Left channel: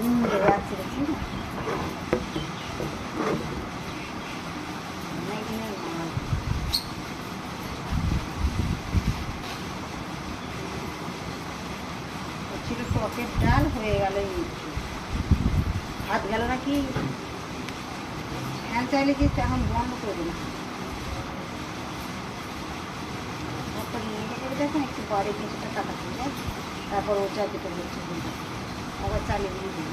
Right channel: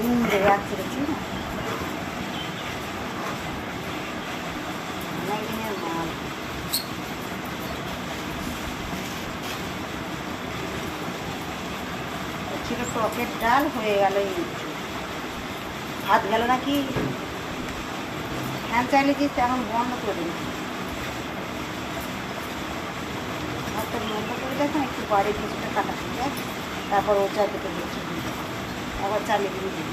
Bag ছেড়েছি না, অনেক দিনের মাল। ছিল টকের ডাল, হয়ে গেল ভাত গেল নাকি। ফ্যান চাইলে কি এখন বন্ধ করে দিন, ভাতটা বন্ধ করে দেখেন, একটু বাড়ি ভেতরটা কাটা হয়ে যায়, তারপর ও চাইতে করে আবার চালিয়ে দিয়ে দিন।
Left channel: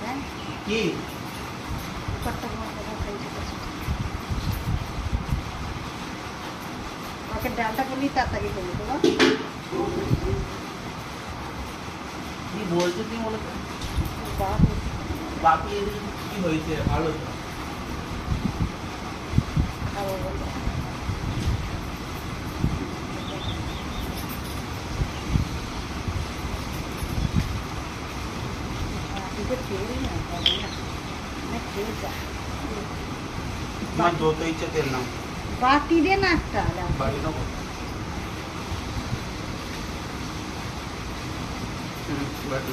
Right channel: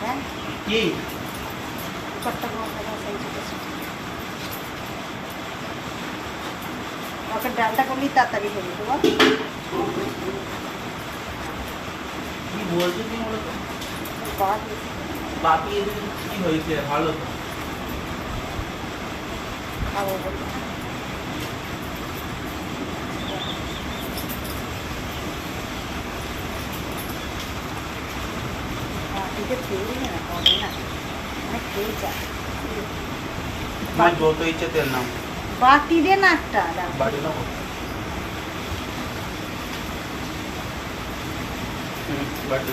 হ্যাঁ কি কুকারটা বসাটা সেই ওকে ডালটা করলেই তাড়াতাড়ি হয়ে যেত। কি বলছো তুমি বলো তো? বাকি কি হয়েছে? ভালো তো খাবো বলতে খেয়ে না, হবে না, অনেক খেয়ে যায়। যত ইচ্ছে তেল নাও, বাটি দে না একটা বাড়ি নাও। বাটি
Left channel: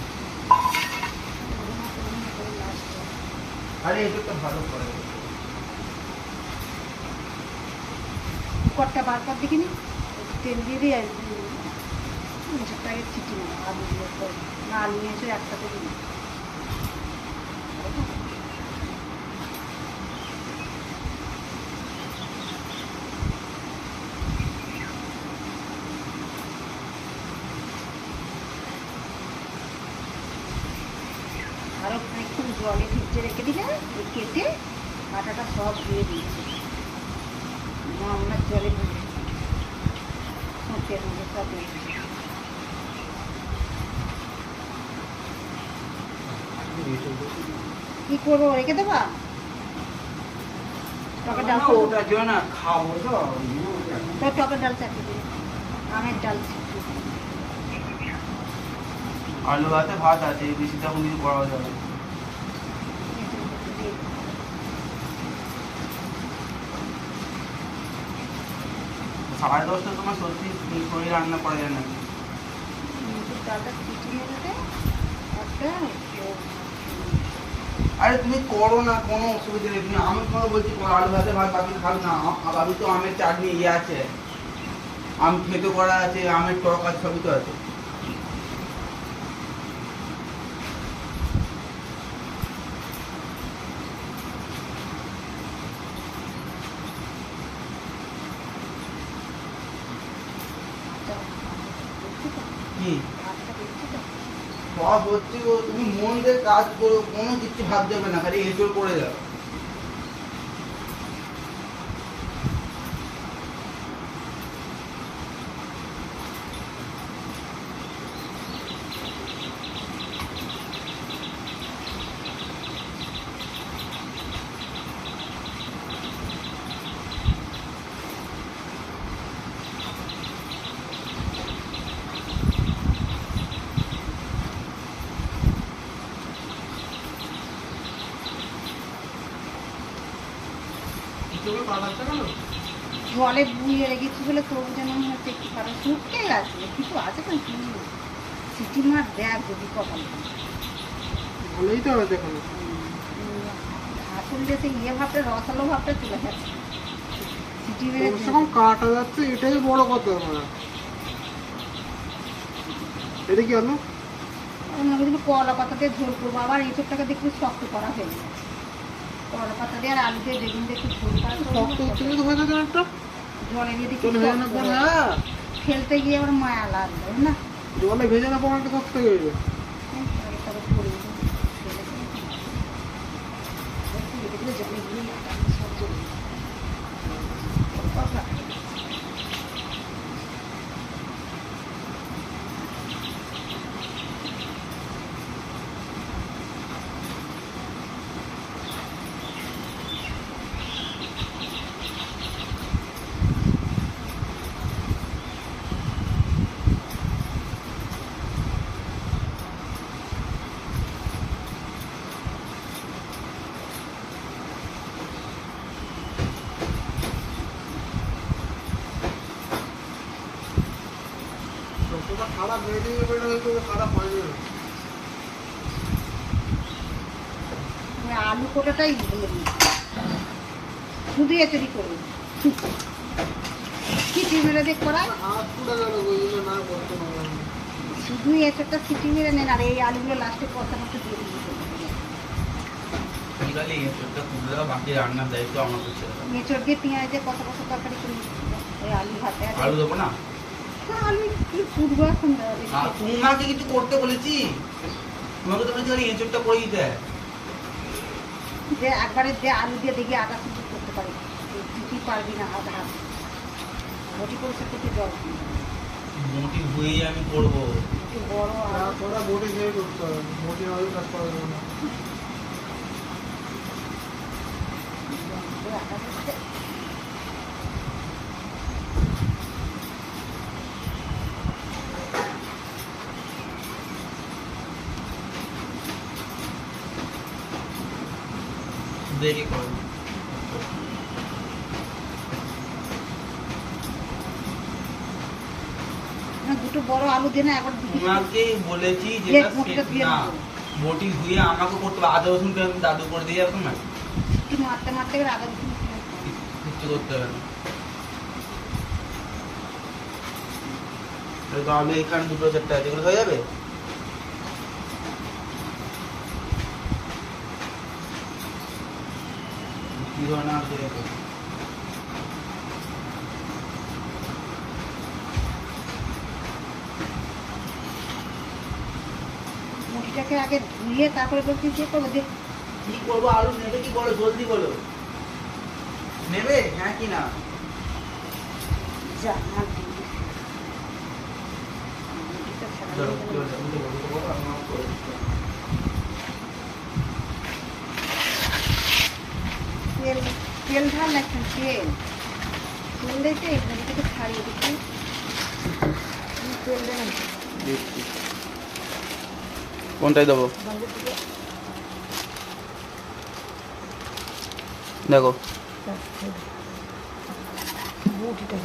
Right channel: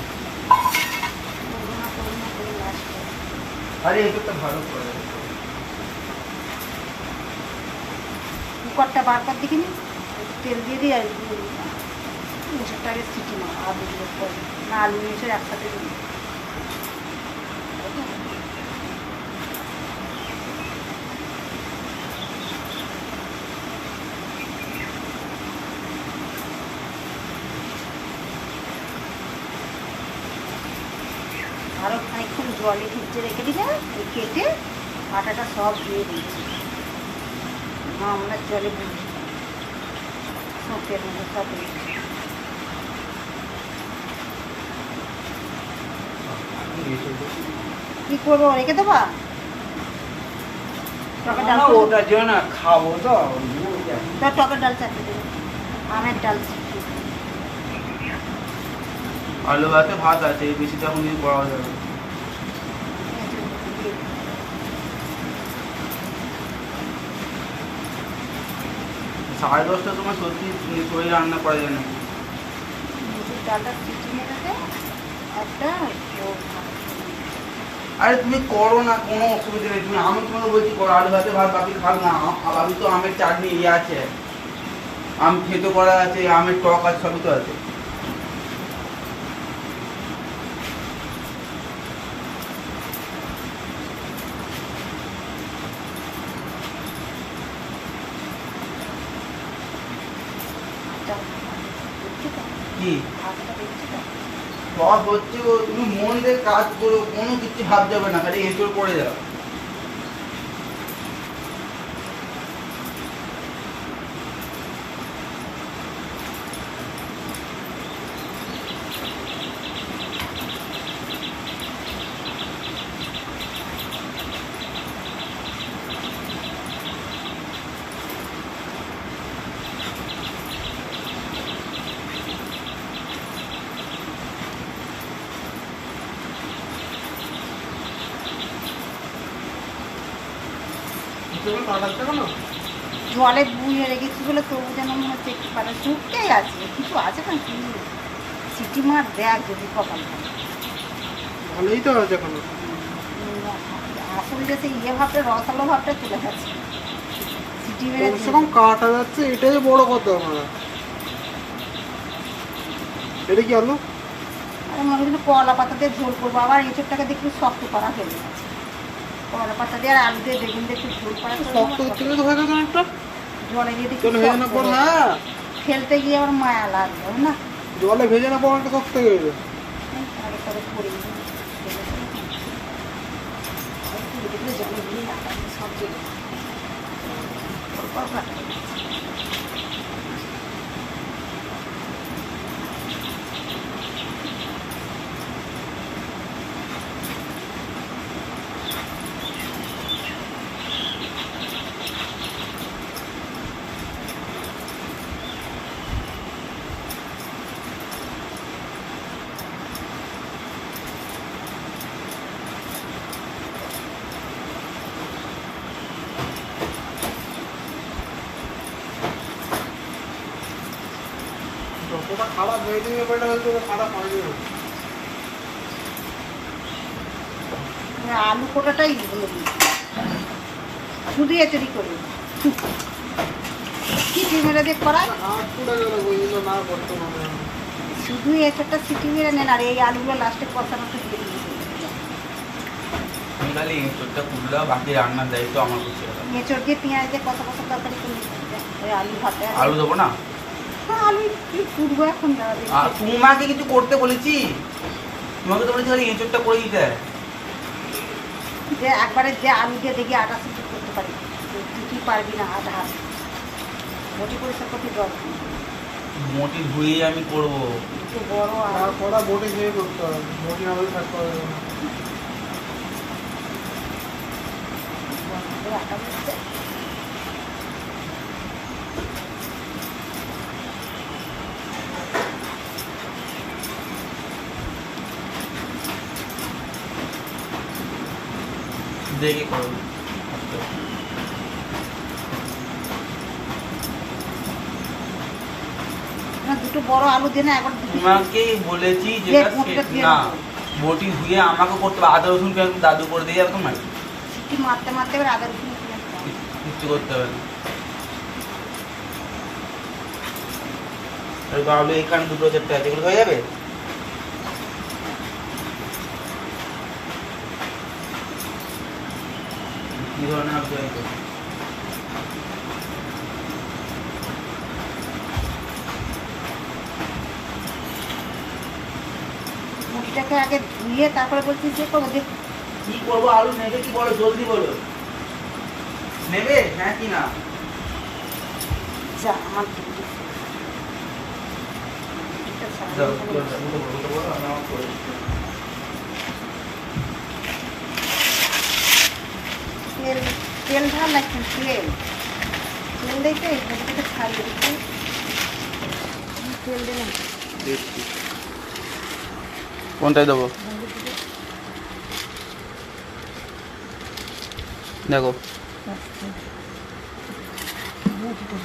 আরে এটা তো ভালো করে কুকারটা বার কর দেখিনি, তেল দিয়ে দিই আর মশারটাকে সিটি না, আলুগুলো না আলু মেশে একসাথে দিই। আরও খানিক্ষণ জলে ভিজে রেখে দিলে কেটে আটাটা সব ধুয়ে দিয়েছি, আমরা জলে ভুজি সত্যের মধ্যে সব দিয়েছি। কি করবো, রেখে দেবা? টকের ডাল ওটা যেও না, খাবো তো। টকের ডাল চাটতে দেবে, আমের ডাল। আলু ভাতে ভাত আছে, বেশি তখন কিছু করা যাবে। সাড়ে 10টার সময় সত্যি শরীর রান্না করা যায় না। মুসুর ডালটা সিটি মেরে দেয় একটা। আরে তুমি করো না, কোনো অসুবিধা নেই। তুমি আমি তোমাকে বলছি করো, আলু ভাতে ভাত বাকি খাও না। আমি তো আমের চাটনি ইয়ে আছে, আম খেতে করা আছে, আমের টক আছে, সবই তো আছে। কি সব হচ্ছে গো, তুমি মন দিয়ে কাজ করো, কোনো কিছু ভাব যাবে না, খালি এঁচড় পড়ে যাও। জলে বুঝে রেখেছি বলে তবু যেন মনে হচ্ছে একটু পাটা শুকতেই আছে, কিছু আছে না কি সিটি মার দেখ যদি কপাল ভালো। ভালোই তো আছে এখন। আসলে যে সেই ইয়ে ভাবটা, রসালো ভাবটা তুলে যাচ্ছে, সিটি মেরে সেরকম কাটা যাচ্ছে, এটাই বড় কথা। আমরা এটা কি আলু? আমি মনে কিন্তু কলা পাতা দিয়ে ঝোল করবো, আবার এঁচড়টাকে দেখি শক্ত করা হয়ে গেছে। কলা পাতা দিয়ে আর আলু দিয়ে বেগুন দিয়ে একটু ঝোল করা শক্ত হচ্ছে তো হয়ে গেল একটা। জলে দিয়ে দেখি জলে ভেজে না পর, হ্যাঁ ফেলতে গিয়ে আবার মায়া লাগবে না, জলে ভেজে না পর একটা শক্ত হয়ে যাবে। জলে গিয়ে সব জলে ওটা খারাপ হয়ে যাবে, ওটা হয়তো খারাপ হয়ে যাবে। আলু কোটাটাই হলো শুধু এচড়ি করে সিটি মেরে দিয়ে করায়, হাত পুড়ে গেল, ওইগুলো না করতে হবে। শুধু এচড়টা সিটি মেরে নেন আর এই আলুগুলো লাস্টে কষানোতে দিয়ে দিয়েছে। তুমি খালি এঁচোড়টা পুড়ে দাও, বাকি রান্নার দায়িত্ব আমার করছে। এঁচড় দিয়ে পেঁয়াজ দিয়ে কষা কষা তরকারি করে ওই আলু ভাতে আলু দেবো না? হ্যাঁ আলু কি পুড়বো এখন দেওয়া যাবে। আর তোমাকে কিছু করতে বলেছি? তোমাকে তো বলেছি খালি এঁচোড়টা করে দিতে। যে একবারে যে আলু দিয়ে দেখি আটা সিটি করতে পারি, কি পারবি না আধা হাত মোটি পরিষ্কার করতে জল মোটি ধুয়ে আমি করবো। একটু বড় আলু ওটা বটি খেয়ে করতে হবে, বটি না হলে কাজ করা যাবে না। আটা দিচ্ছে। দেখে করবো। না, দুটো বড় আলু দিয়ে না একবার দুটো তোমাকে বলেছি দিয়ে যেটা মোটিটা দিয়ে না দেবো। বটি ধুয়ে আমাকে করতে হবে। আদা রসুন কেন দাদু করে দিয়ে যাবে তোমার? সিটি মারতে মারতে এবার আদা রসুন পেঁয়াজ দাও। কিচ্ছু করতে হবে না। এরকম আলু এখানে দুটো চারটে আছে, এগুলো হয়ে যাবে। কি ধরনের আলু হয়েছে? মুটিটাকে আগে ধুয়ে তারপরে বলছি যে করবো যে কি করবো? আলু নেবে কি বলো, জলদি বলো। নেবে হ্যাঁ কি না? যা আমার দিদি। দিদিটা দাও, সামনে বলো, বলো, বলো, আমি আমার করে দিচ্ছি। তেল তেল ঢাল লাগছেন তেল তেল দিতে মুটিটাকে ছাড়িয়ে দিচ্ছি তেল দেবেন কোনটায় দেবো দেখো? মুটিটা